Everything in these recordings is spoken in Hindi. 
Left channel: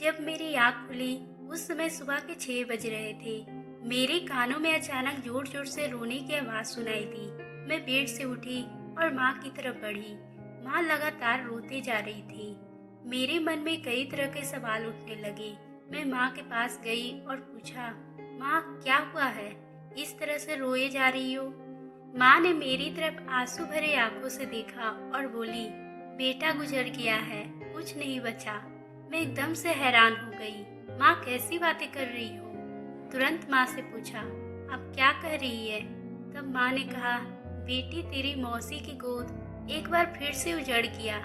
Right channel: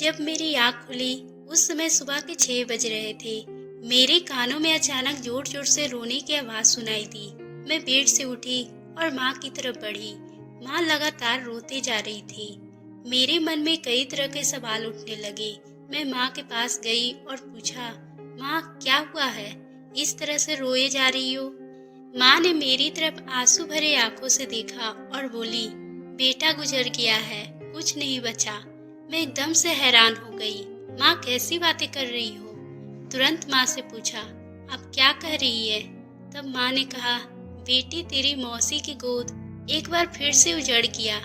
जब मेरी आँख खुली उस समय सुबह के 6 बज रहे थे। मेरे कानों में अचानक जोर जोर से रोने की आवाज़ सुनाई दी। मैं बेड से उठी और माँ की तरफ बढ़ी। माँ लगातार रोते जा रही थी। मेरे मन में कई तरह के सवाल उठने लगे। मैं माँ के पास गई और पूछा, माँ क्या हुआ है, इस तरह से रोए जा रही हो? माँ ने मेरी तरफ आंसू भरे आंखों से देखा और बोली, बेटा गुजर गया है, कुछ नहीं बचा। मैं एकदम से हैरान हो गई। माँ कैसी बातें कर रही हो? तुरंत माँ से पूछा, अब क्या कह रही है? तब माँ ने कहा, बेटी तेरी मौसी की गोद एक बार फिर से उजड़ गया।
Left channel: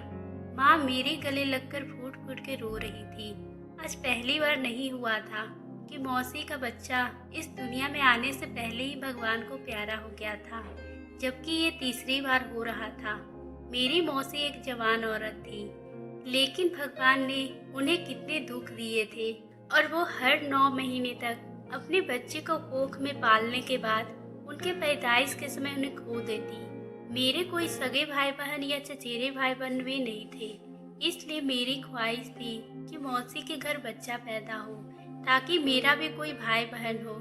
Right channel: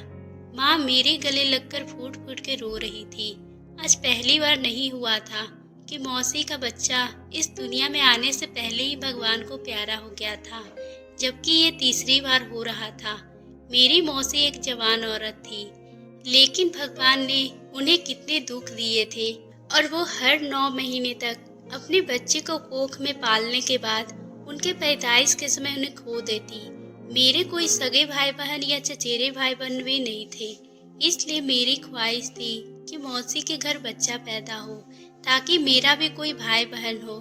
माँ मेरे गले लगकर फूट फूट के रो रही थी। आज पहली बार नहीं हुआ था कि मौसी का बच्चा इस दुनिया में आने से पहले ही भगवान को प्यारा हो गया था, जबकि ये तीसरी बार हो रहा था। मेरी मौसी एक जवान औरत थी, लेकिन भगवान ने उन्हें कितने दुख दिए थे और वो हर 9 महीने तक अपने बच्चे को कोख में पालने के बाद उनके पैदाइश के समय उन्हें खो देती। मेरे कोई सगे भाई बहन या चचेरे भाई बहन भी नहीं थे, इसलिए मेरी ख्वाहिश थी कि मौसी के घर बच्चा पैदा हो ताकि मेरा भी कोई भाई बहन हो।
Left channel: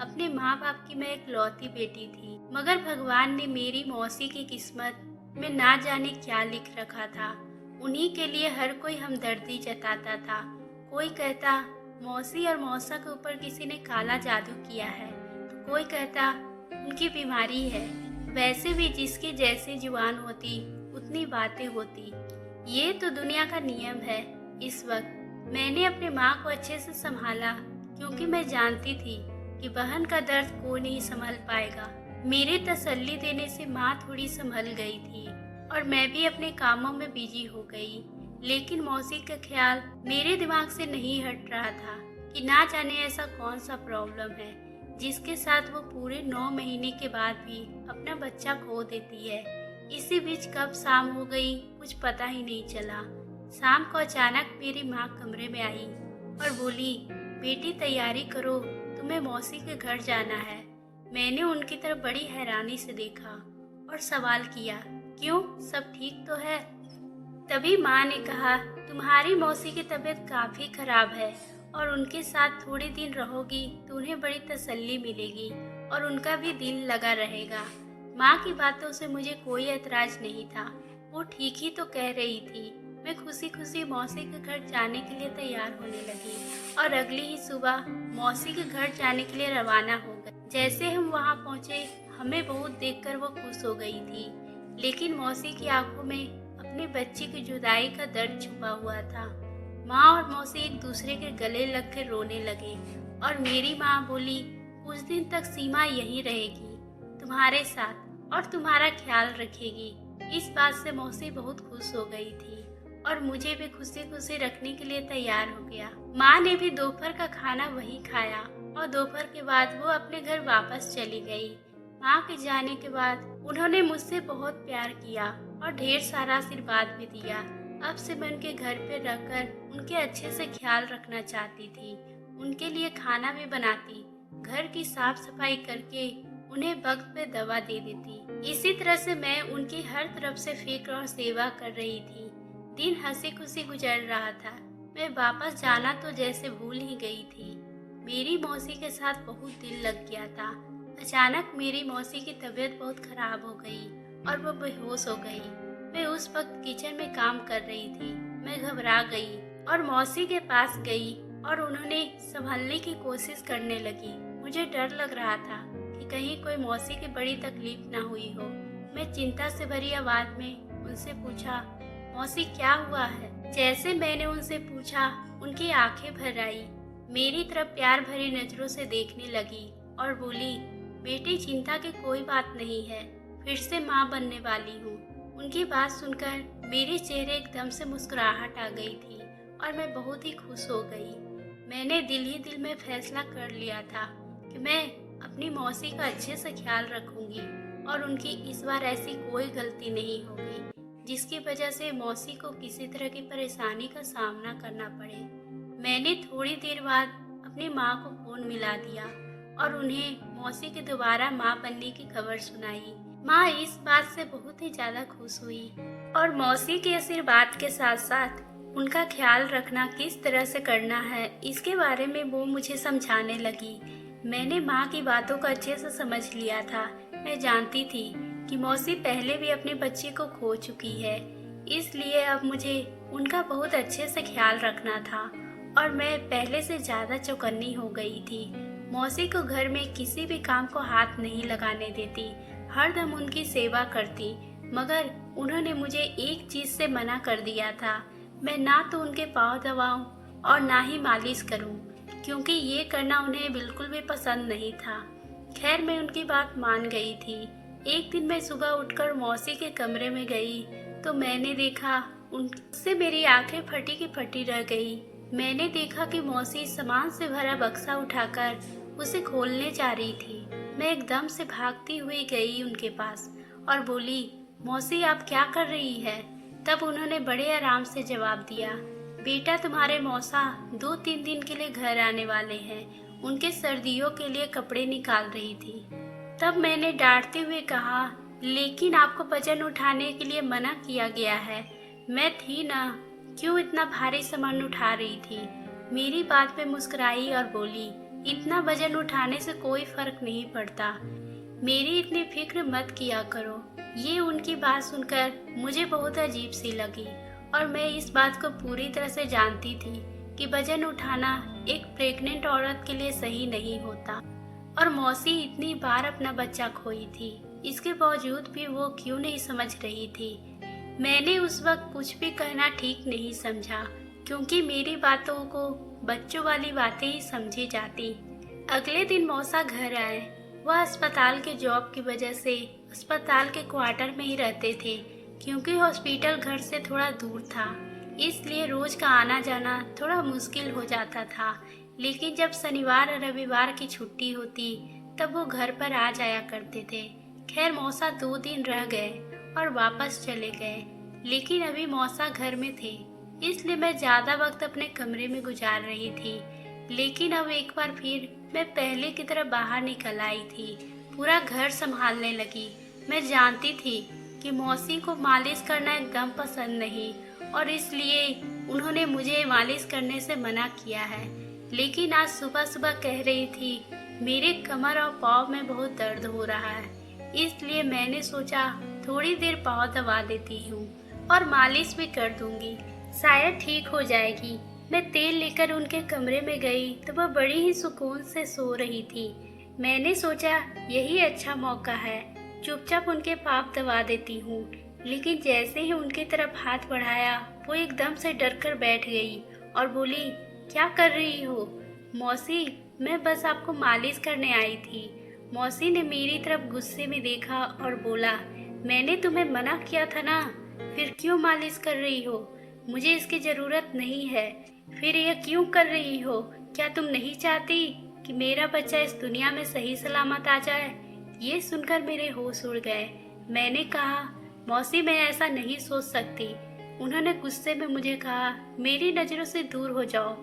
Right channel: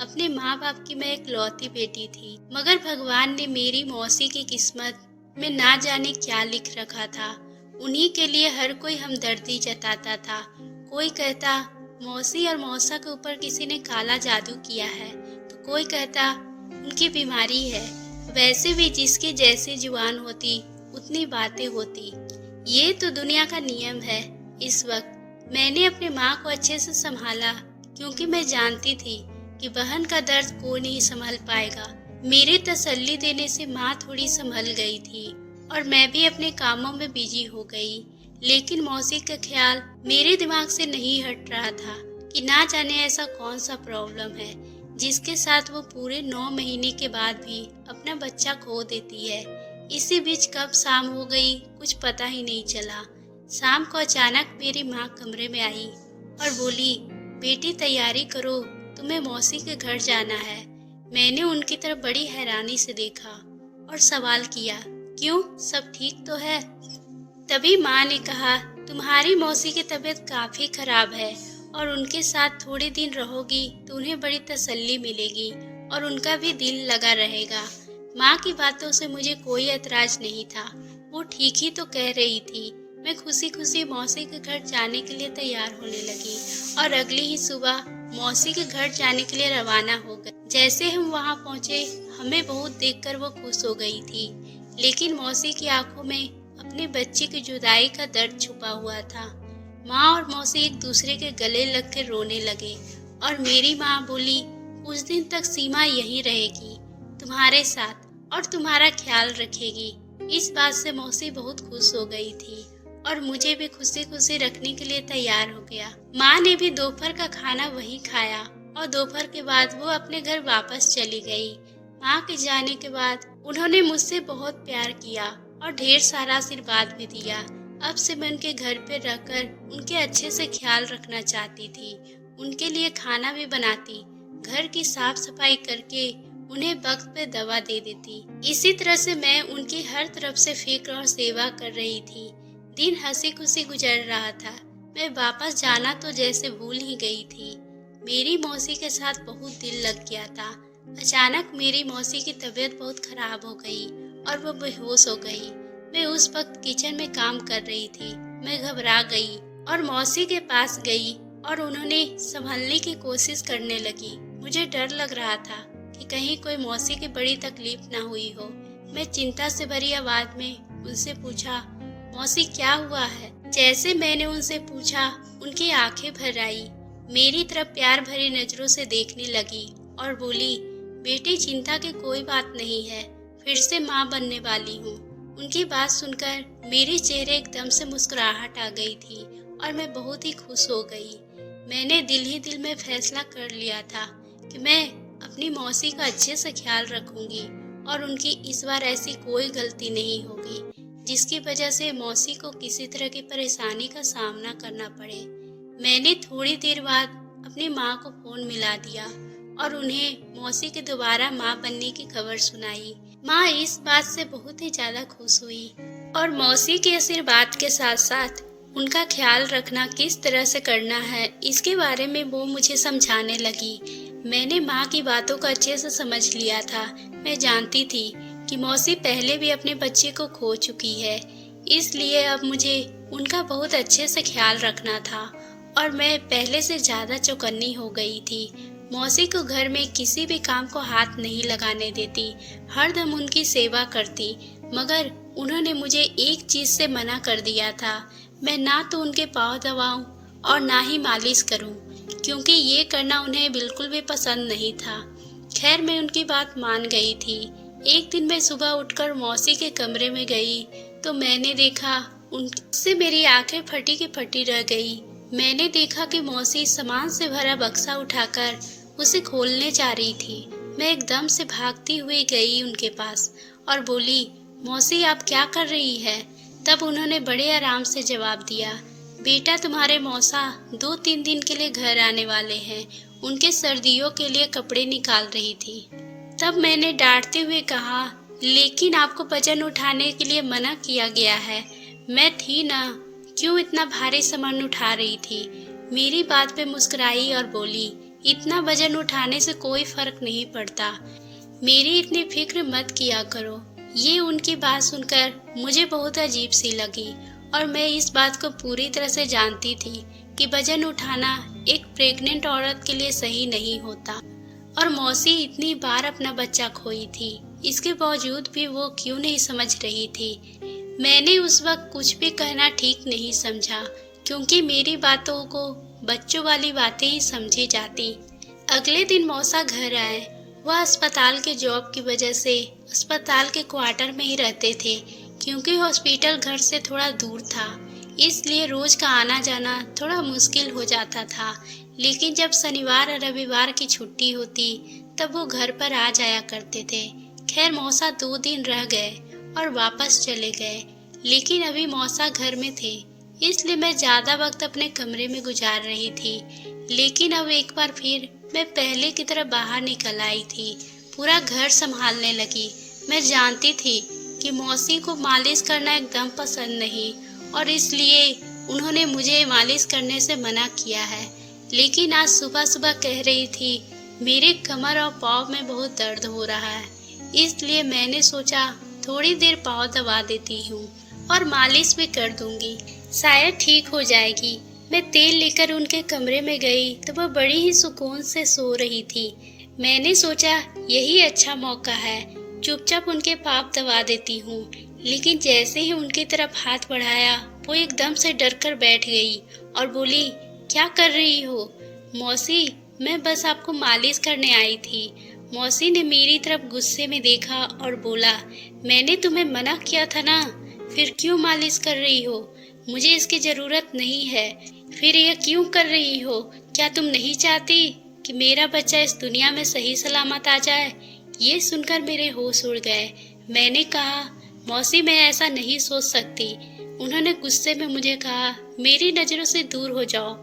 अपने माँ बाप की मैं एक लौती बेटी थी, मगर भगवान ने मेरी मौसी की किस्मत में ना जाने क्या लिख रखा था। उन्हीं के लिए हर कोई हमदर्दी जताता था। कोई कहता मौसी और मौसा के ऊपर किसी ने काला जादू किया है, तो कोई कहता उनकी बीमारी है। वैसे भी जिसकी जैसी जुबान होती उतनी बातें होती। ये तो दुनिया का नियम है। इस वक्त मैंने अपनी माँ को अच्छे से संभाला, क्योंकि मैं जानती थी कि बहन का दर्द कोई नहीं संभाल पाएगा। मेरे तसल्ली देने से माँ थोड़ी संभल गई थी और मैं भी अपने कामों में बिजी हो गई। लेकिन मौसी का ख्याल मेरे दिमाग से नहीं हट रहा था कि ना जाने ऐसा कौन सा प्रॉब्लम है जिसके साथ वो पूरे 9 महीने के बाद भी अपना बच्चा खो देती है। इसी बीच कब शाम हो गई कुछ पता ही नहीं चला। शाम को अचानक मेरी माँ कमरे में आई और बोली, बेटी तैयारी करो, तुम्हें मौसी के घर जाना है। मैंने उनकी तरफ बड़ी हैरानी से देखा और सवाल किया, क्यों, सब ठीक तो है? तभी माँ ने कहा, तुम्हारी मौसी की तबीयत काफी खराब है और उनके साथ थोड़े दिन रहोगी तो उन्हें बड़ी तसल्ली मिलेगी और उनका भी दिल लगा रहेगा। माँ की बातों से मुझे कोई ऐतराज नहीं था। वो ठीक ही तो कह रही थी। मैं खुशी खुशी मौसी के घर जाने के लिए तैयार होने लगी और अगली ही सुबह मौसी के घर जाने के लिए रवाना हो गए। जैसे हम वहाँ पहुँचे, हमें बहुत देखकर वो खुश हो गई थी, लेकिन मौसी की आंखों में अपने बच्चे की जुदाई का दर्द छुपा हुआ था। माँ और मौसी एक दूसरे के गले लग कर रोने लगे और मेरी माँ बोली, कुछ दिन तक सीमा यहीं रहेगी, तुम्हारे साथ, और तुम्हारा ख्याल रखेगी। इस बात से मौसी बहुत खुश हो गई थी और मुझे भी खुशी खुशी रखने के लिए तैयार हो गया। माँ ने भी दोपहर का खाना वहीं खाया और दोपहर के बाद वो अपने घर वापस चली गई। माँ के जाने के बाद उन्होंने मुझसे बहुत प्यार किया और ढेर सारा आशीर्वाद भी दिया। अब से मैं उनके घर पे रहकर उनके अच्छे से ख्याल रखना चाहती थी। उनके लिए खाना भी बनाती, घर की साफ सफाई करके उन्हें वक्त पे दवा दे देती। इसी तरह से मैं उनकी हर तरफ से फिक्र और सेवा कर रही थी। दिन हंसी खुशी गुजर रहा था। मैं वापस जाना तो जैसे भूल ही गई थी। मेरी मौसी के साथ बहुत दिल लग गया था। अचानक मेरी मौसी की तबीयत बहुत खराब हो गई और वो बेहोश हो गई। मैं उस वक्त किचन में काम कर रही थी। मैं घबरा गई और मौसी के पास गई और उन्होंने संभालने की कोशिश करने लगी। मुझे डर लग रहा था कि कहीं कोई मौसी की बड़ी तकलीफ ना हुई हो। मैं चिंता से भरी आवाज में उनसे पूछा, मौसी क्या हुआ है? जैसे मैंने उनसे पूछा, उनकी आंखें भर आई, मेरी तरफ प्यार भरी नजरों से देखने लगी और बोली, बेटी चिंता की कोई बात नहीं है, फिर से माँ बनने वाली हूँ। उनकी बात सुनकर मेरे चेहरे एकदम से मुस्कुराहट आ गई थी और मैं बहुत ही खुश हो गई। मैंने दिल ही दिल में फैसला कर लिया था कि मैं अपनी मौसी का अच्छे से ख्याल रखूंगी और उनकी इस बार ऐसी कोई गलती नहीं होगी जिसकी वजह से मौसी को किसी तरह की परेशानी का सामना करना पड़े। मैंने थोड़ी देर बाद अपनी माँ को फोन मिला दिया और उन्हें मौसी के दोबारा माँ बनने की खबर सुनाई। माँ इस बात से बहुत ही ज्यादा खुश हुई और मौसी के आशीर्वाद के साथ साथ उनका ख्याल रखना किस तरह से करना है, इसके बारे में वो मुझे समझाने लगी। मैंने माँ की बातों को अच्छे से समझ लिया था। मैं जानती थी कि मौसी पहले भी अपने बच्चे को खो चुकी है, इसलिए अब मुझे उनका बहुत अच्छे से ख्याल रखना था और मैं पहले से ज़्यादा चौकन्नी हो गई थी। मौसी को घर में किसी भी काम को हाथ नहीं लगाने देती, हरदम उनकी सेवा करती, मगर उन्होंने मुझे एक चीज़ से मना कर दिया था। मैं ना तो उनके पाँव दबाऊं और ना ही मालिश करूं, क्योंकि ये करना उन्हें बिल्कुल भी पसंद नहीं था। खैर मैं उनकी बात मान गई थी। एक दिन मैं सुबह उठकर मौसी के कमरे में गई तो मैंने देखा, उनसे मेरी आंखें फटी की फटी रह गई। मैंने देखा कि मौसी सामान से भरा बक्सा उठाकर उसे खोलने जा रही थी। मैं एकदम से भागती हुई गई उनके पास और बोली, मौसी आप क्या कर रही है? तब उन्होंने बड़े आराम से जवाब दिया, बेटा तुम्हारे मौसा 2-3 दिन के लिए घर आने वाले हैं, उनके सर्दियों के लिए कपड़े निकाल रही थी। तब मैंने डांटते हुए कहा, लेकिन आपको वजन उठाने के लिए मना किया गया है। मैं थी ना, क्यों इतना भारी सामान उठा रही थी? मेरी बात पे मुस्कुराई और बोली, इतना वजन उठाने से कोई फर्क नहीं पड़ता, मेरी इतनी फिक्र मत किया करो। ये उनकी बात सुनकर मुझे बहुत अजीब सी लगी और मैं इस बात को पूरी तरह से जानती थी कि वजन उठाना एक प्रेग्नेंट औरत के लिए सही नहीं होता। और मौसी इतनी बार अपना बच्चा खोई थी, इसके बावजूद भी वो क्यों नहीं समझ रही थी? मैंने उस वक्त कुछ भी कहना ठीक नहीं समझा, क्योंकि मेरी बातों को बच्चों वाली बातें ही समझी जाती। अगले दिन मौसा घर आए। वह अस्पताल के जॉब की वजह से अस्पताल के क्वार्टर में ही रहते थे, क्योंकि हॉस्पिटल घर से थोड़ा दूर था, इसलिए रोज का आना जाना थोड़ा मुश्किल हो जाता था। लेकिन जब शनिवार और रविवार की छुट्टी होती तब वो घर पर आ जाया करते थे। खैर मौसा 2 दिन रह गए और वापस चले गए, लेकिन अभी मौसा घर में थे, इसलिए मैं ज़्यादा वक्त अपने कमरे में गुजार रही थी। लेकिन अब एक बार फिर मैं पहले की तरह बाहर निकल आई थी, पूरा घर संभालने लगी। मैं जानती थी कि मौसी को मालिश करना एकदम पसंद नहीं और इसलिए उन्होंने मुझे मालिश करने से मना किया है। लेकिन आज सुबह सुबह कह रही थी, मेरे कमर और पाँव में बहुत दर्द हो रहा है, इसलिए मैंने सोचा थोड़ी देर पाँव दबा देती हूँ और मालिश भी कर दूंगी, शायद ठीक हो जाएगी। मैं तेल लेकर उनके कमरे में गई तो वह बड़ी ही सुकून से सो रही थी। मैंने सोचा यही अच्छा मौका है, चुपचाप उनके पाँव दबा देती हूँ। लेकिन जैसे ही उनकी तरफ हाथ बढ़ाया वो एकदम से डर कर बैठ गई और बोली, क्या कर रही हो? मौसी, मैं बस आपको मालिश करने आई थी। मौसी ने मेरी तरफ गुस्से में देखा और बोला, मैंने तुम्हें मना किया था ना, फिर क्यों मालिश कर रही हो? मुझे इसकी ज़रूरत नहीं है, फिर यह क्यों कर रही हो? क्या तुम नहीं चाहती कि मेरा बच्चा इस दुनिया में सही सलामत आ जाए? ये सुनकर मेरे होश उड़ गए। मैंने कहा, मौसी मैं ऐसा नहीं सोच सकती। उन्होंने गुस्से में मुझे कहा, मेरी नज़रों से दूर हो जाओ।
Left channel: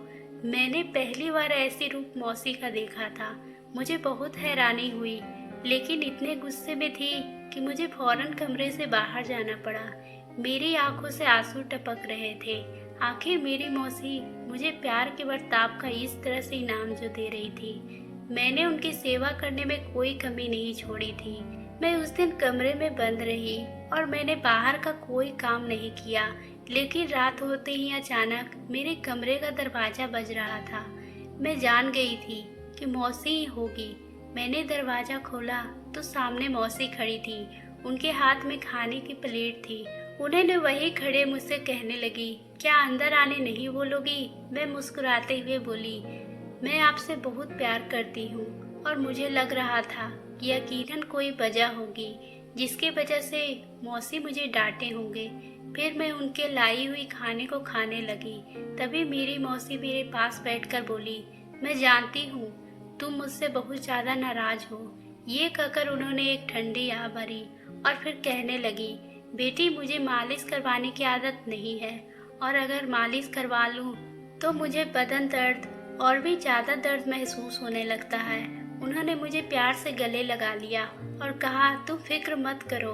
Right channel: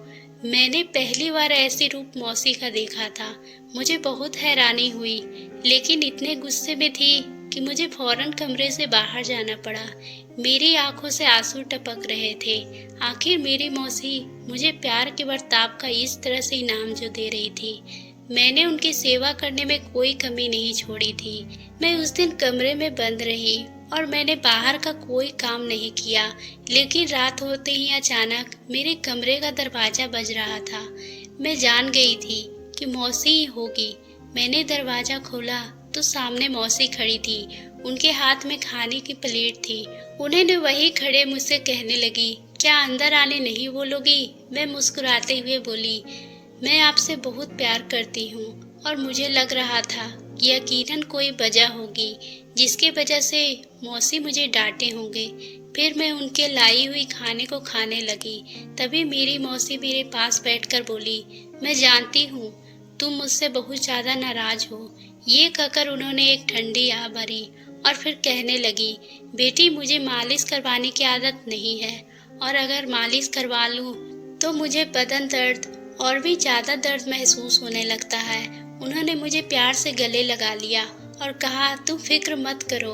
मैंने पहली बार ऐसी रूप मौसी का देखा था। मुझे बहुत हैरानी हुई, लेकिन इतने गुस्से में थी कि मुझे फौरन कमरे से बाहर जाना पड़ा। मेरी आंखों से आंसू टपक रहे थे। आखिर मेरी मौसी मुझे प्यार के बर्ताव का इस तरह से इनाम जो दे रही थी, मैंने उनकी सेवा करने में कोई कमी नहीं छोड़ी थी। मैं उस दिन कमरे में बंद रही और मैंने बाहर का कोई काम नहीं किया। लेकिन रात होते ही अचानक मेरे कमरे का दरवाजा बज रहा था। मैं जान गई थी कि मौसी ही होगी। मैंने दरवाजा खोला तो सामने मौसी खड़ी थी। उनके हाथ में खाने की प्लेट थी। उन्होंने वही खड़े मुझसे कहने लगी, क्या अंदर आने नहीं बोलोगी? मैं मुस्कुराते हुए बोली, मैं आपसे बहुत प्यार करती हूँ और मुझे लग रहा था कि यकीनन कोई वजह होगी जिसकी वजह से मौसी मुझे डांटे होंगे। फिर मैं उनके लाई हुई खाने को खाने लगी। तभी मेरी मौसी मेरे पास बैठकर बोली, मैं जानती हूँ तुम मुझसे बहुत ज़्यादा नाराज हो। ये कहकर उन्होंने एक ठंडी आह भरी और फिर कहने लगी, बेटी मुझे मालिश करवाने की आदत नहीं है और अगर मालिश करवा लूँ तो मुझे बदन दर्द और भी ज़्यादा दर्द महसूस होने लगता है। उन्होंने मुझे प्यार से गले लगा लिया और कहा, तुम फिक्र मत करो,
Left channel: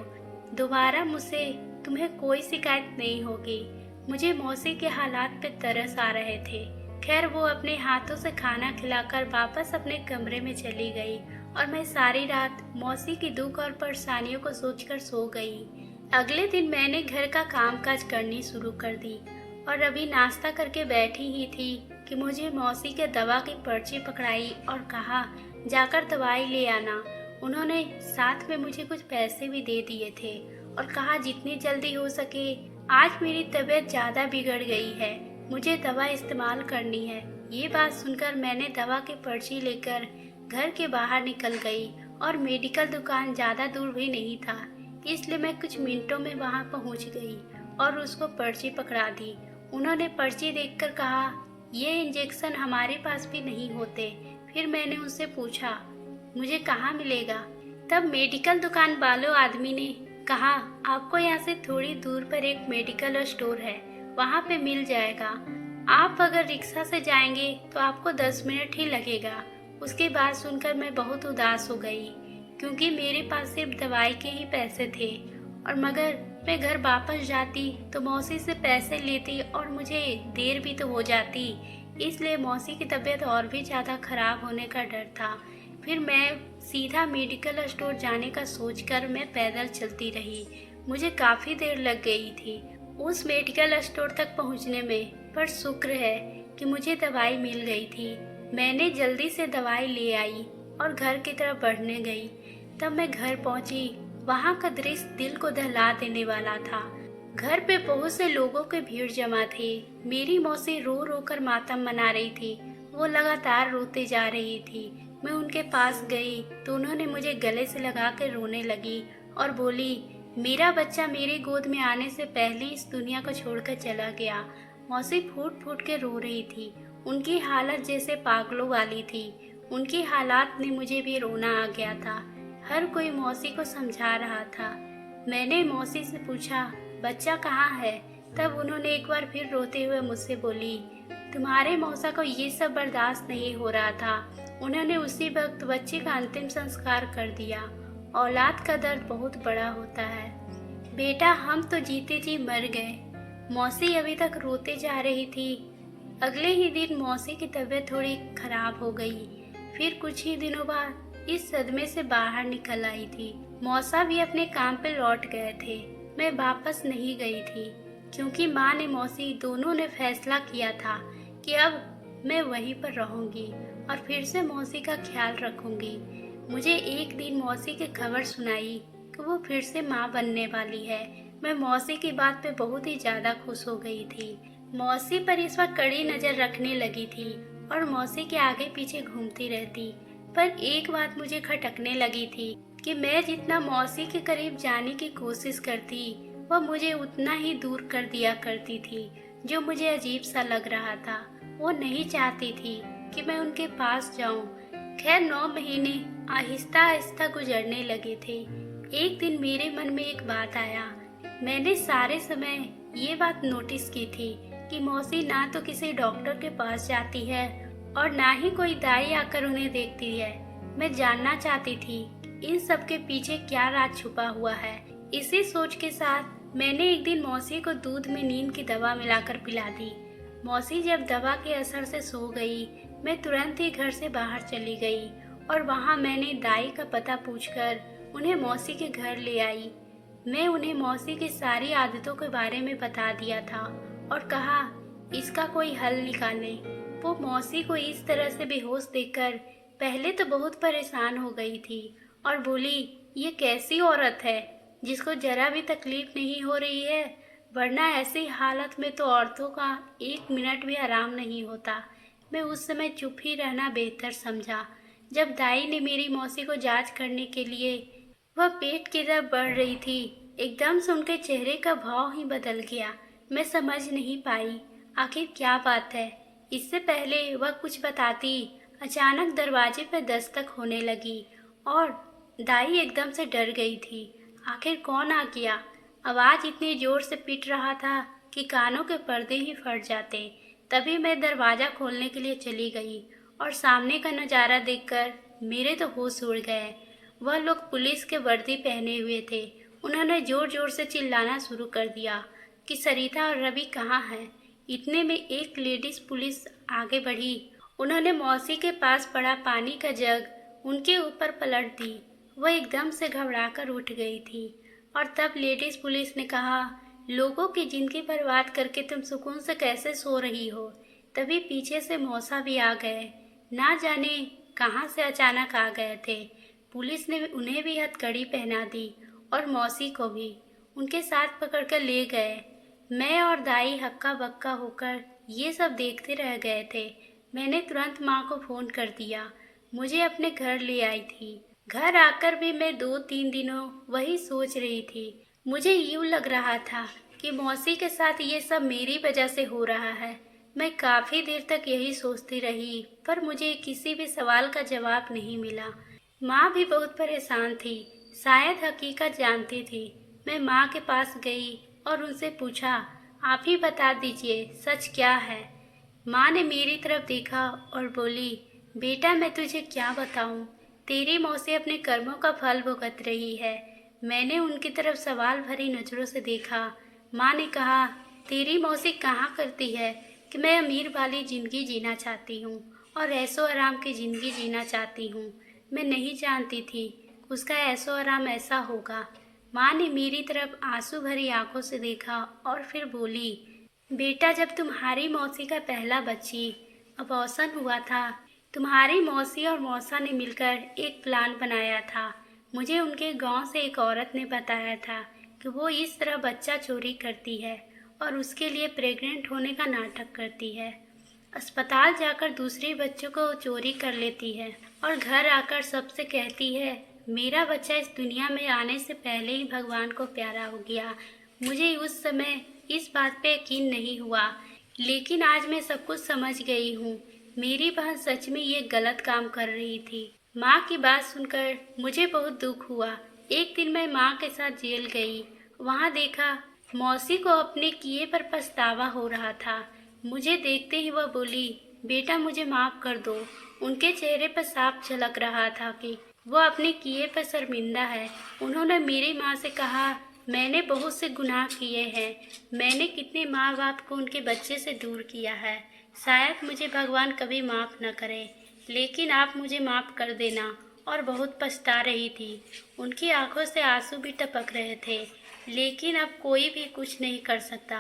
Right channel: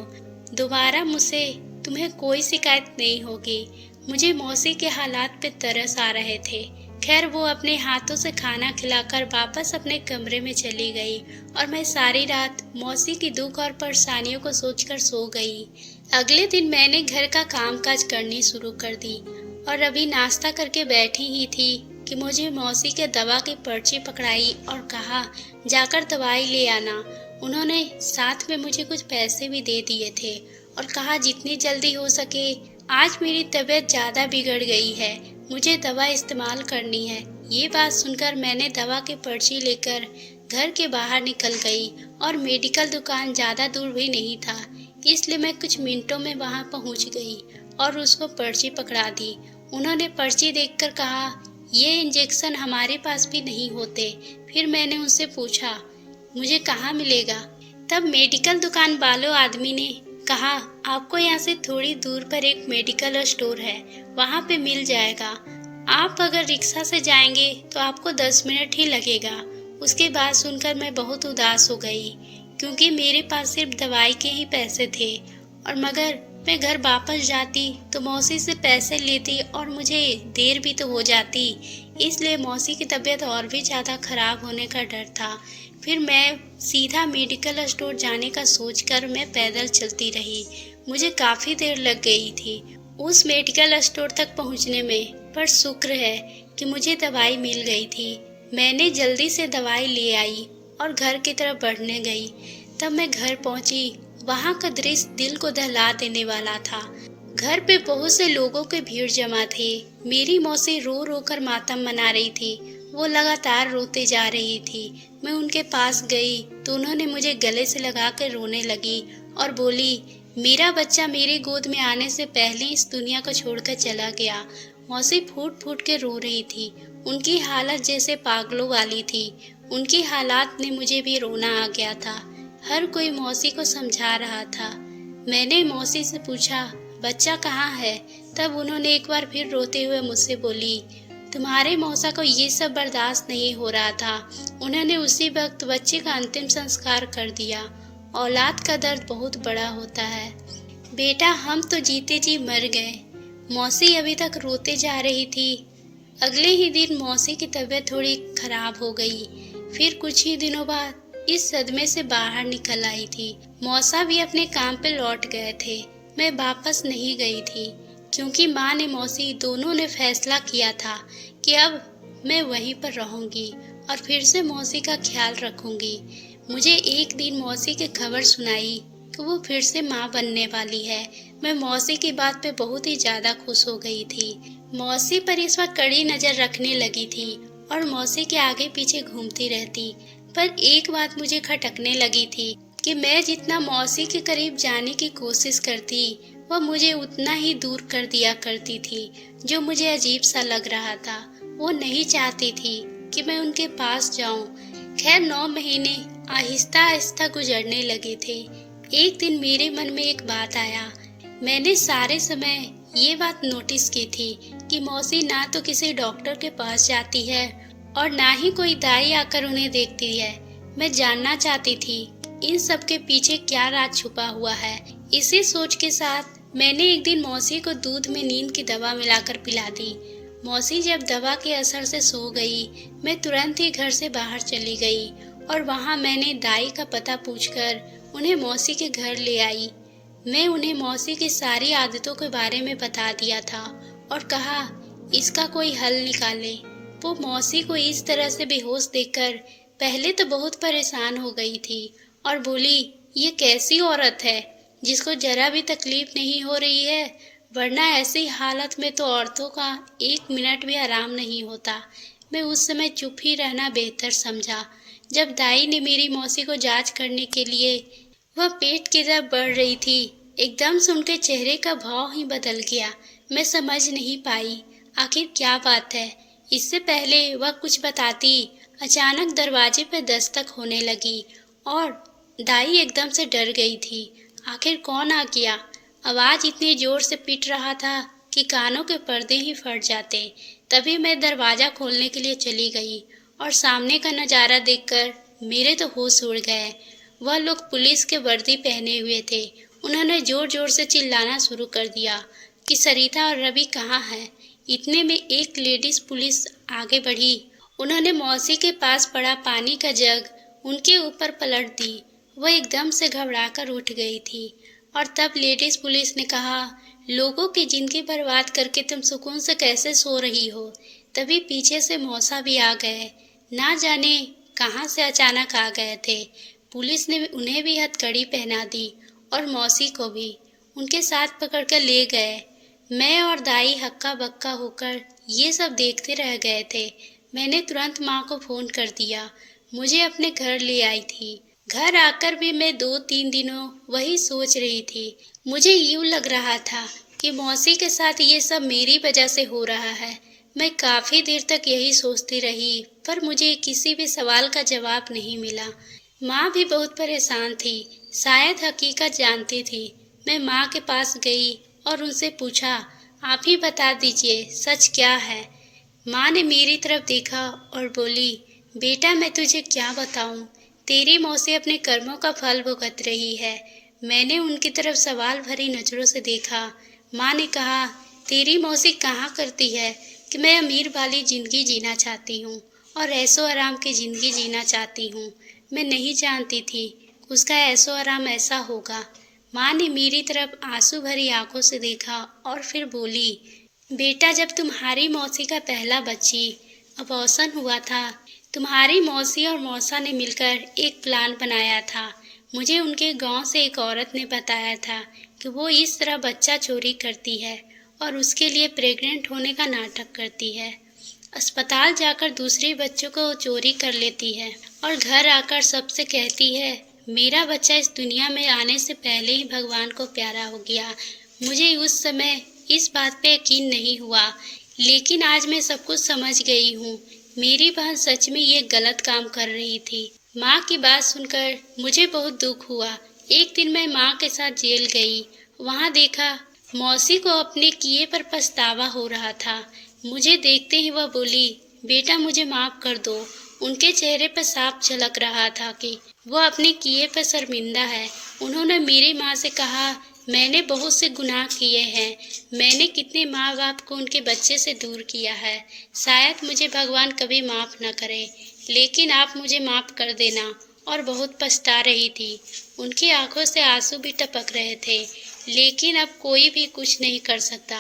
दोबारा मुझसे तुम्हें कोई शिकायत नहीं होगी। मुझे मौसी के हालात पे तरस आ रहे थे। खैर वो अपने हाथों से खाना खिलाकर वापस अपने कमरे में चली गई और मैं सारी रात मौसी की दुख और परेशानियों को सोचकर सो गई। अगले दिन मैंने घर का कामकाज करनी शुरू कर दी और अभी नाश्ता करके बैठी ही थी कि मुझे मौसी के दवा की पर्ची पकड़ाई और कहा जाकर दवाई ले आना। उन्होंने साथ में मुझे कुछ पैसे भी दे दिए थे और कहा जितनी जल्दी हो सके, आज मेरी तबीयत ज़्यादा बिगड़ गई है, मुझे दवा इस्तेमाल करनी है। ये बात सुनकर मैंने दवा की पर्ची लेकर घर के बाहर निकल गई और मेडिकल दुकान ज़्यादा दूर भी नहीं था, इसलिए मैं कुछ मिनटों में वहां पहुंच गई और उसको पर्ची पकड़ा दी। उन्होंने पर्ची देखकर कहा ये इंजेक्शन हमारे पास भी नहीं होते। फिर मैंने उनसे पूछा मुझे कहाँ मिलेगा। तब मेडिकल दुकान वालों आदमी ने कहा आपको यहाँ से थोड़ी दूर पर एक मेडिकल स्टोर है, वहाँ पे मिल जाएगा। आप अगर रिक्शा से जाएंगे तो आपको 10 मिनट ही लगेगा। उसके बाद सुनकर मैं बहुत उदास हो गई क्योंकि मेरे पास सिर्फ दवाई के ही पैसे थे और मगर मैं घर वापस जाती तो मौसी से पैसे लेती और मुझे देर भी तो हो जाती, इसलिए मौसी की तबीयत और भी ज़्यादा खराब होने का डर था। फिर मैं सीधा मेडिकल स्टोर जाने का सोचकर मैं पैदल चलती रही। मुझे काफ़ी देर लग गई थी उस मेडिकल स्टोर तक पहुंचने में, पर शुक्र है कि मुझे दवाई मिल गई थी। मैंने जल्दी से दवाई ले आई और घर की तरफ बढ़ने गई। तब मैं घर पहुंची, वहां का दृश्य दिल को दहला देने वाला था। घर पे बहुत से लोगों के भीड़ जमा थे। मेरी मौसी रो रो कर मातम मना रही थी, वो लगातार रोते जा रही थी। मैं उनके पास गई तो उन्होंने मुझे गले से लगा कर रोने लगी और बोली मेरा बच्चा मेरी गोद में आने से पहले इस दुनिया को छोड़कर चला गया। मौसी फूट फूट के रो रही थी, उनकी हालत जैसे पागलों वाली थी। उनकी हालात ने मुझे भी रोना आ गया था। हर कोई मौसी को समझा रहा था। मैंने मौसी से पूछा बच्चा कहाँ है। तब उन्होंने एक बार फिर रोते हुए मुझसे बोली तुम्हारे मौसा को ये सब बर्दाश्त नहीं हो रहा था, उन्होंने उसी वक्त बच्चे का अंतिम संस्कार कर दिया। औलाद का दर्द बहुत बड़ा होता है बेटा, हम तो जीते जी मर गए। मौसी अभी तक रोते जा रही थी। अगले ही दिन मौसी की तबीयत थोड़ी खराब हो गई। फिर कुछ ही दिनों बाद इस सदमे से बाहर निकल आई थी। मौसा भी अपने काम पे लौट गए थे। मैं वापस नहीं गई थी क्योंकि माँ ने मौसी दोनों ने फैसला किया था कि अब मैं वहीं पर रहूंगी और फिर से मौसी का ख्याल रखूंगी। मुझे एक दिन मौसी की खबर सुनाई कि वो फिर से माँ बनने वाली है। मैं मौसी की बात पे बहुत ही ज्यादा खुश हो गई थी। मौसी पर इस वक्त कड़ी नजर रखने लगी थी और मौसी के आगे पीछे घूमती रहती। पर एक बात मुझे खटकने लगी थी कि मैं जितना मौसी के करीब जाने की कोशिश करती वह मुझे उतना ही दूर कर दिया करती थी, जो मुझे अजीब सा लग रहा था। वो नहीं चाहती थी कि मैं उनके पास जाऊं। खैर 9 महीने आहिस्ता आहिस्ता गुजरने लगे थे। एक दिन मेरे मन में एक बात आया। मैंने सारे समय ये बात नोटिस की थी कि मौसी ना तो किसी डॉक्टर के पास जाती है और ना ही कोई दाई आकर उन्हें देखती है। मैं जानना चाहती थी इन सब के पीछे क्या राज छुपा हुआ है। इसी सोच के साथ मैंने एक दिन मौसी को दूध में नींद की दवा मिलाकर पिला दी। मौसी जब दवा के असर से सो गई, मैं तुरंत ही घर से बाहर चली गई और वहां मैंने दाई का पता पूछकर उन्हें मौसी के घर ले आई। मैं उन्हें मौसी की सारी आदतों के बारे में बता दिया था और कहा इसका कोई हल निकालें। वो मौसी को इस तरह से बेहोश देखकर पहले तो बहुत परेशान हो गई थी और बोली ये कैसी औरत है जिसको जरा भी तकलीफ नहीं हो रही है, वरना ऐसी हालत में तो औरतों का 1 मिनट भी आराम नहीं होता। मैं उस समय चुप ही रहना बेहतर समझा। जब दाई ने मेरी मौसी को जांच करने के लिए वह पेट की तरफ बढ़ रही थी, एकदम से उनके चेहरे का भाव ही बदल गया। मैं समझ नहीं पाई आखिर क्या बात है। इससे पहले वह कुछ बताती, अचानक दरवाजे पर दस्तक होने लगी और दाई एकदम से डर गई थी। आखिर कौन आ गया? आवाज इतनी जोर से पिट रहा था कि कानों के पर्दे ही फट जाते। तभी मैं दरवाजा खोलने के लिए चली गई और सामने का नज़ारा देखकर मेरे तो होश उड़ गए। वह लोग पुलिस के वर्दी पहने हुए थे। उन्होंने जोर जोर से चिल्लाना शुरू कर दिया, कि सरिता और रवि कहाँ है। इतने में एक लेडीज पुलिस आगे बढ़ी। उन्होंने मौसी के पास पड़ा पानी का जग उनके ऊपर पलट दी। वह एकदम से घबराकर उठ गई थी और तब लेडीज पुलिस ने कहा, लोगों की जिंदगी बर्बाद करके तुम सुकून से कैसे सो रही हो। तभी पीछे से मौसा भी आ गए। ना जाने कहाँ से अचानक आ गए थे। पुलिस ने उन्हें भी हथकड़ी पहना दी और मौसी को भी उनके साथ पकड़कर ले गए। मैं और दाई हक्का बक्का होकर ये सब देखते रह गए थे। मैंने तुरंत माँ को फोन कर दिया। मुझे अपने घर ले आई थी। घर आकर भी मैं 2-3 दिनों वही सोच रही थी। मुझे यूं लग रहा था कि मौसी के साथ ये सब मेरी वजह से हो रहा है। मैं काफी देर तक यही सोचती रही, पर मुझे किसी भी सवाल का जवाब नहीं मिला। माँ भी बहुत परेशान थी, शायद हकीकत जानती थी। मैं माँ के पास गई और उनसे पूछा, आप ही बता दीजिए सच क्या है। माँ ने मेरी तरफ देखा और बोली, बेटा मैं तुझे क्या बताऊं, तेरी मौसी अपने कर्मों का फल भुगत रही है। मैंने उनकी तरफ सवाल भरी नजरों से देखा। माँ ने कहा, तेरी मौसी कहाँ करती है कि मैं अमीर वाली जिंदगी जीना चाहती हूँ और ऐशो आराम की जिंदगी जीना चाहती हूँ। मैं नहीं जानती थी उसका ऐशो आराम ऐसा होगा। माँ ने मेरी तरफ आंसू भरी आंखों से देखा और फिर बोली, बेटा जब तुम्हारी मौसी का पहला बच्ची अबॉर्शन हुआ था, तुम्हारी मौसी और मौसा ने मिलकर एक प्लान बनाया था। मुझे उनके गांव से एक औरत ने बताया था कि वो इस तरह बच्चा चोरी करती है और उसके लिए प्रेग्नेंट होने का नाटक करती है। अस्पताल जाकर दूसरे बच्चों को चोरी कर लेती है और घर आकर सबसे कहती है, मेरा बच्चा इस दुनिया में आने से पहले ही भगवान को प्यारा हो गया। मुझे उस समय इस बात पे यकीन नहीं हुआ, लेकिन आज मैं सब कुछ समझ गई हूँ। मेरी बहन सच में ये गलत काम कर रही थी। माँ की बात सुनकर मुझे बहुत दुख हुआ। एक दिन मैं माँ के साथ जेल गई। वहाँ देखा मौसी को अपने किए पर पछतावा हो रहा था। मुझे देखते ही वह बोली, बेटा मुझे माफ कर दो। उनके चेहरे पर साफ झलक रहा था कि वह अपने किए पर शर्मिंदा है। उन्होंने मेरी माँ से कहा, मैंने बहुत से गुनाह किए हैं। मैंने कितने माँ बाप को उनके बच्चे से दूर किया है। शायद मुझे भगवान कभी माफ़ न करे, लेकिन आप मुझे माफ़ कर देना। और बहुत पछता रही थी। उनकी आंखों से आंसू भी टपक रहे थे, लेकिन अब कोई भी कुछ नहीं कर सकता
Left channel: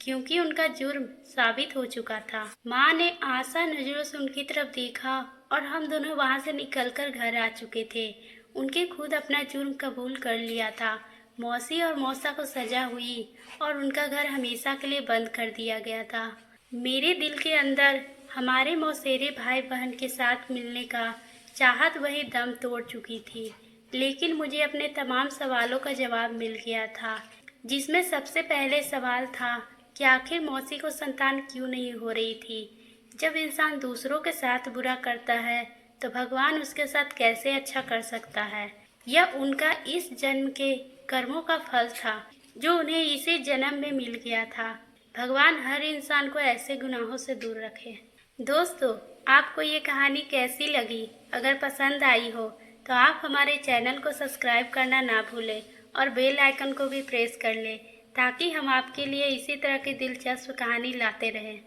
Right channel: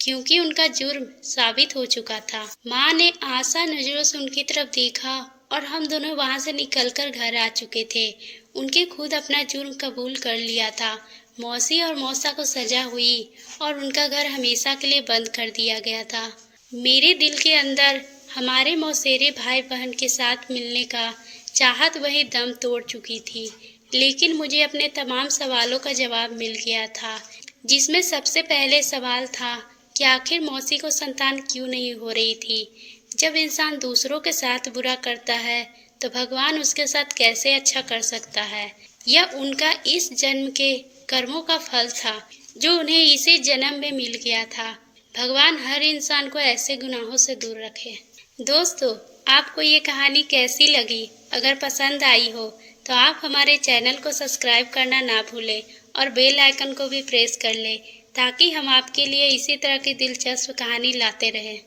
क्योंकि उनका जुर्म साबित हो चुका था। माँ ने आशा नजरों से उनकी तरफ देखा और हम दोनों वहाँ से निकलकर घर आ चुके थे। उनके खुद अपना जुर्म कबूल कर लिया था। मौसी और मौसा को सजा हुई और उनका घर हमेशा के लिए बंद कर दिया गया था। मेरे दिल के अंदर हमारे मौसेरे भाई बहन के साथ मिलने का चाहत वही दम तोड़ चुकी थी, लेकिन मुझे अपने तमाम सवालों का जवाब मिल गया था, जिसमें सबसे पहले सवाल था कि आखिर मौसी को संतान क्यों नहीं हो रही थी। जब इंसान दूसरों के साथ बुरा करता है तो भगवान उसके साथ कैसे अच्छा कर सकता है। यह उनका इस जन्म के कर्मों का फल था जो उन्हें इसी जन्म में मिल गया था। भगवान हर इंसान को ऐसे गुनाहों से दूर रखे। दोस्तों, आपको ये कहानी कैसी लगी? अगर पसंद आई हो तो आप हमारे चैनल को सब्सक्राइब करना ना भूलें और बेल आइकन को भी प्रेस कर लें ताकि हम आपके लिए इसी तरह की दिलचस्प कहानी लाते रहें।